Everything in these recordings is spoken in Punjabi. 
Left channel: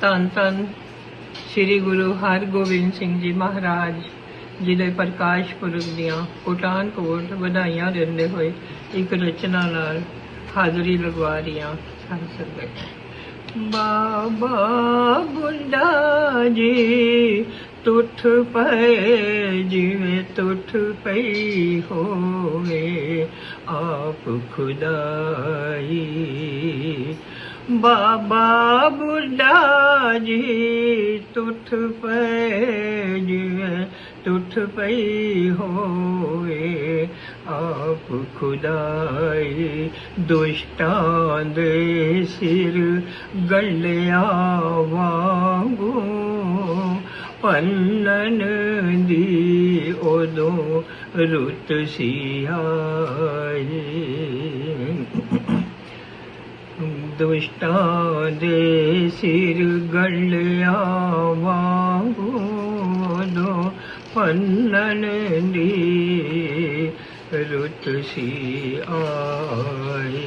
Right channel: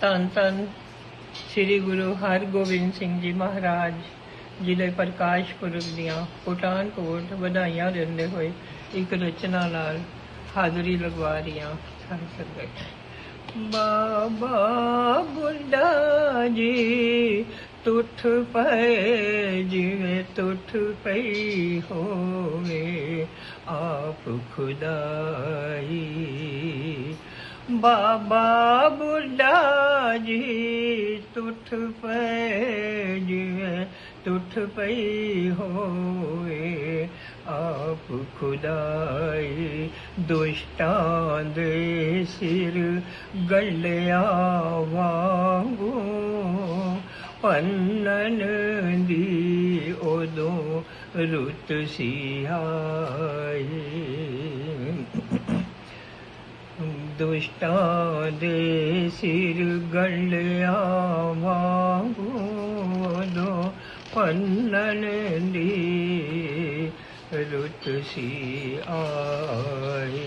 ਧੰਨ ਧੰਨ ਸ੍ਰੀ ਗੁਰੂ ਹਰਗੋਬਿੰਦ ਸਿੰਘ ਜੀ ਮਹਾਰਾਜ ਜੀ ਦੇ ਪ੍ਰਕਾਸ਼ ਪੁਰਬ ਦੀਆਂ ਕੋਟਾਨ ਕੋਟ ਵਧਾਈਆਂ ਦਿੰਦੇ ਹੋਏ ਇੱਕ ਰਚਨਾ ਨਾਲ ਹਾਜ਼ਰੀ ਲਗਵਾ ਰਹੀਆਂ ਸਾਰੀ ਸੰਗਤ। ਬਾਬਾ ਬੁੱਢਾ ਜੀ, ਤੁਠ ਪਏ, ਜਿਵੇਂ ਤੁਠ ਪਈ ਹੋਵੇ, ਆਪ ਖੁਦਾਈ। ਬਾਬਾ ਬੁੱਢਾ ਜੀ, ਤੁਠ ਪਏ ਜਿਵੇਂ ਤੁਠ ਪਈ ਹੋਵੇ। ਆਪ ਖੁਦਾਈ ਦੁਸ਼ਟਾਂ ਦੇ ਸਿਰ ਗੱਲਿਆ ਵਾਂਗੂ, ਪੰਨਨ ਦੀ ਉਦੋਂ ਰੁੱਤ ਸੀ ਆਈ। दुष्टादे सिरगल्यावागोदो पन्ननदी ऋतुषि आई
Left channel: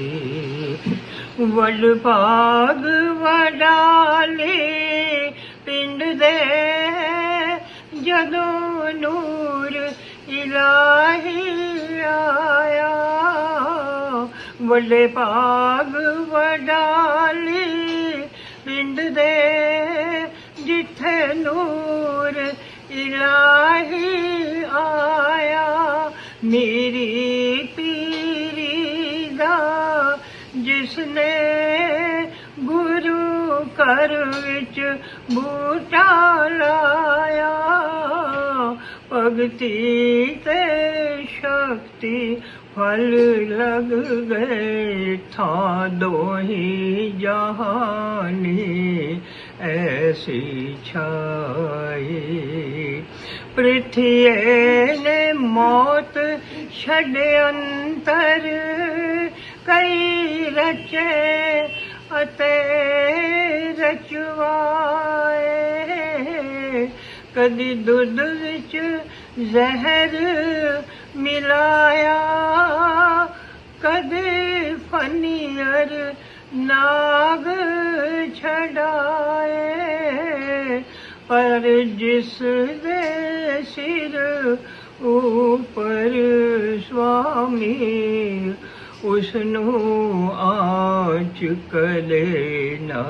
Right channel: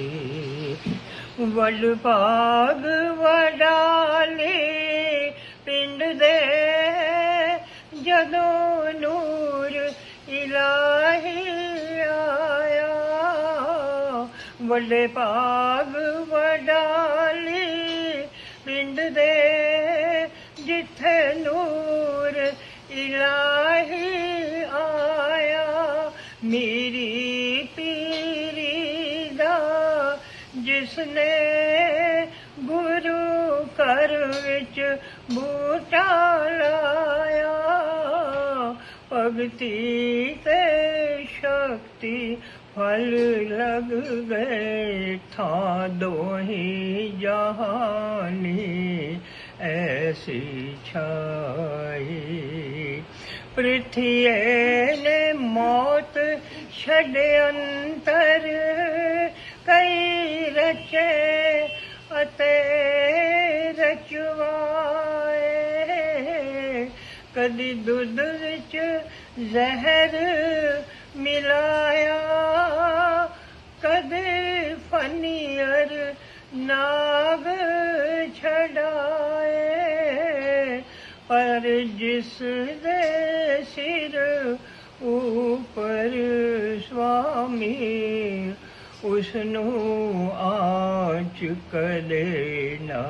वडपाग वडाले पिंड दे जदो नूर इलाही ਵੱਡੇ ਭਾਗ ਵਡਾਲੀ ਪਿੰਡ ਦੇ ਜਿੱਥੇ ਨੂਰ ਇਲਾਹੀ ਆਇਆ, ਮੇਰੀ ਪੀਰੀ ਦਾ ਜਿਸਨੇ ਗੁਰੂ ਘਰ ਵਿੱਚ ਬੂਟਾ ਲਾਇਆ। भक्ति ते शक्ति फल लग गए था दोही जहानी ऐसी छाई। पृथ्वी ने मौत षडे अन्तर कै रचे रचवाए। ਕਦੀ ਦੁੱਧ ਵਿੱਚ ਜ਼ਹਿਰ ਮਿਲਾਇਆ। ਕਦੇ ਫਨੀਅਰ ਨਾਗ ਛਡਾਏ, ਪਰ ਜਿਸ ਦੇ ਸਿਰ ਉਪਰ ਸੁਆਮੀ ਉਸ ਨੂੰ ਆਚ ਕਦੇ ਨਾ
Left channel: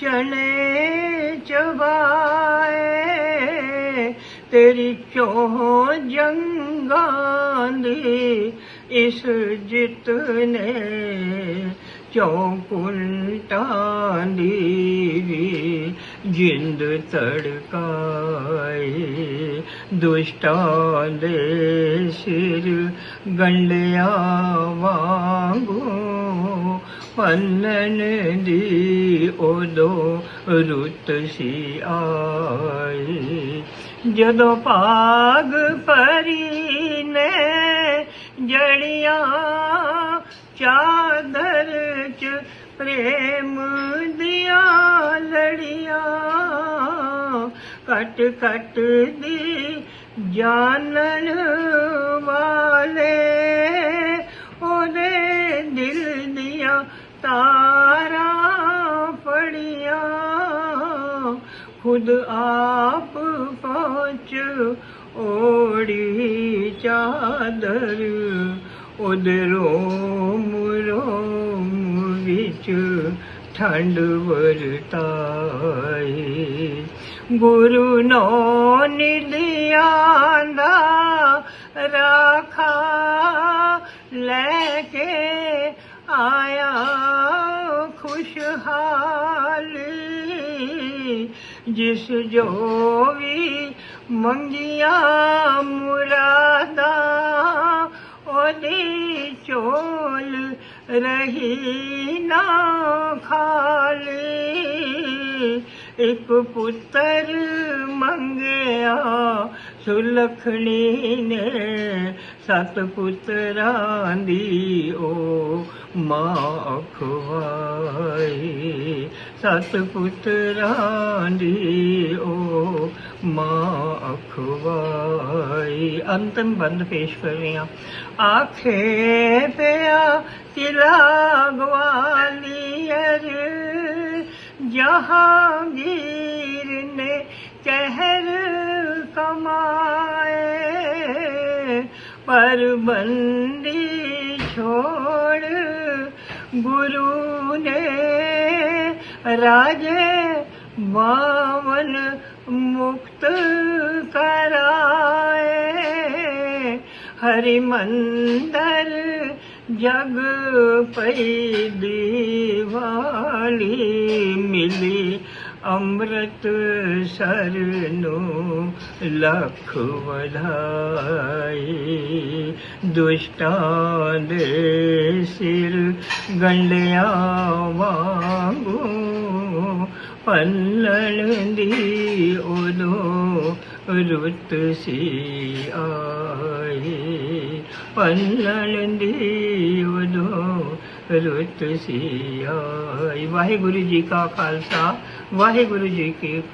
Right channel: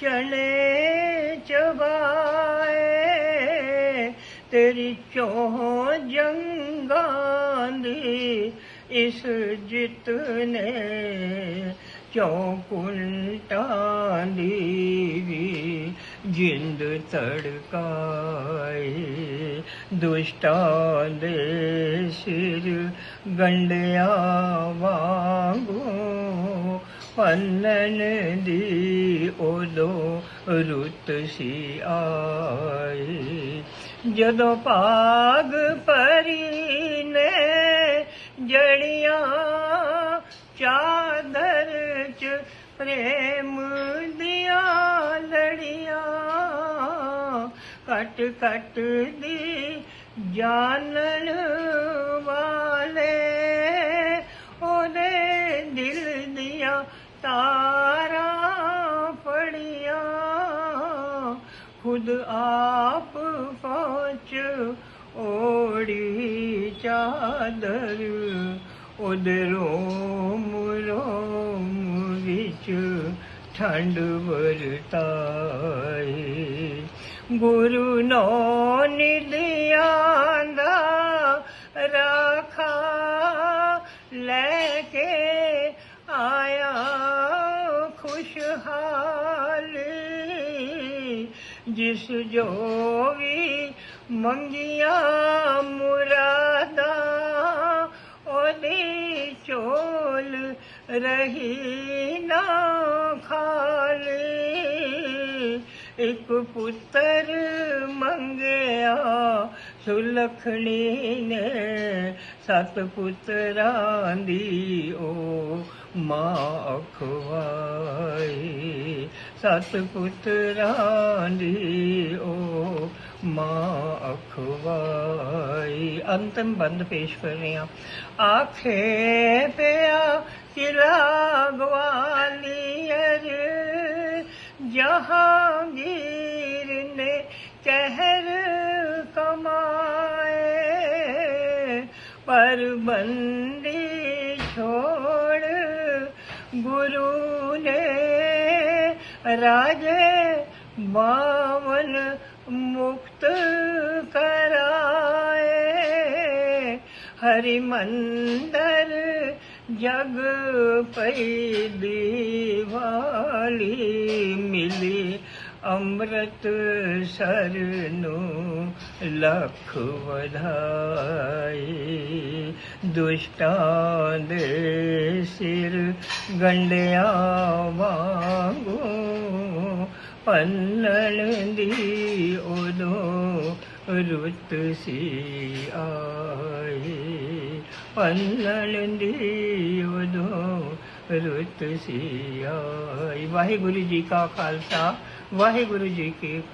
ਚਣੇ ਚਬਾਏ, ਤੇਰੀ ਚੋਹ ਜੰਗਾਂ ਦੀ ਇਸ ਜਿੱਤ ਨੇ ਚੌਕੁੰਟਾਂ ਦੀ ਵੀ ਜਿੰਦ ਤੜਕਾਏ ਦੁਸ਼ਟਾਂ ਦੇ ਸਿਰ ਗੰਡਿਆ ਵਾਂਗੂ ਦੀ ਉਦੋਂ ਰੁੱਤ ਸੀ ਆਈ। ਜਦੋਂ ਭਾਗ ਪਰੀ ਨੇ ਜੜੀਆਂ ਚਾਦਰ ਚ ਪ੍ਰੇਮ ਦੀਆਂ ਲੜੀਆਂ ਕਟ ਕਟ ਦੀ ਜਾਣਨ ਵਾਲੇ ਉਹਦੇ तारा फड़िया खुद आप पहुँच ओड़ी चादर उधरों रोम विच ठंड वरताई गुरु नो निधिया राख ਖੁਸ਼ਹਾਲੀ ਜਿਸ ਜੋ ਵੀ ਮੰਗੀਆਂ ਮੁਰਾਦਾਂ ਉਹਦੀ ਚੋਲ ਰਹੀ ਨਾ ਖਾਲੀ। ਇੱਕ ਪੁੱਤਰ ਮੰਗਿਆ ਸੁਲਖਣੀ ਨੇ ਸਤ ਪੁੱਤਰਾਂ ਦੀ ਓ ਮਾਂ ਖਵਾਈ ਸਤ ਪੁੱਤਰਾਂ ਦੀ ਓ ਮਾਂ ਖਵਾਈ ਅੰਤਮ ਬੰਦ ਪੇਸ਼ ਕਰ ਰਹੇ ਹਾਂ। ਆਖੇ ਪਿਆ ਕਿਲਾ ਗਵਾਲੀਅਰ ਜਹਾਂਗੀਰ ਨੇ ਕਹਿਰ कमाए पर बंदी छोड़ गुरु ने राजे बावन मुक्त कराए हरि मंदर जग पई दीवाली मिली अमृत सरनु लख वधाई दुष्टां दे सिर गंडया वांगू पल्लण दी ओलो रुत सी आई पल्लण दी ओलो ਰੁੱਤ ਸੀ ਵਾਹਿਗੁਰੂ ਜੀ ਕਾ ਖਾਲਸਾ ਵਾਹਿਗੁਰੂ ਜੀ ਕੀ ਫਤਿਹ।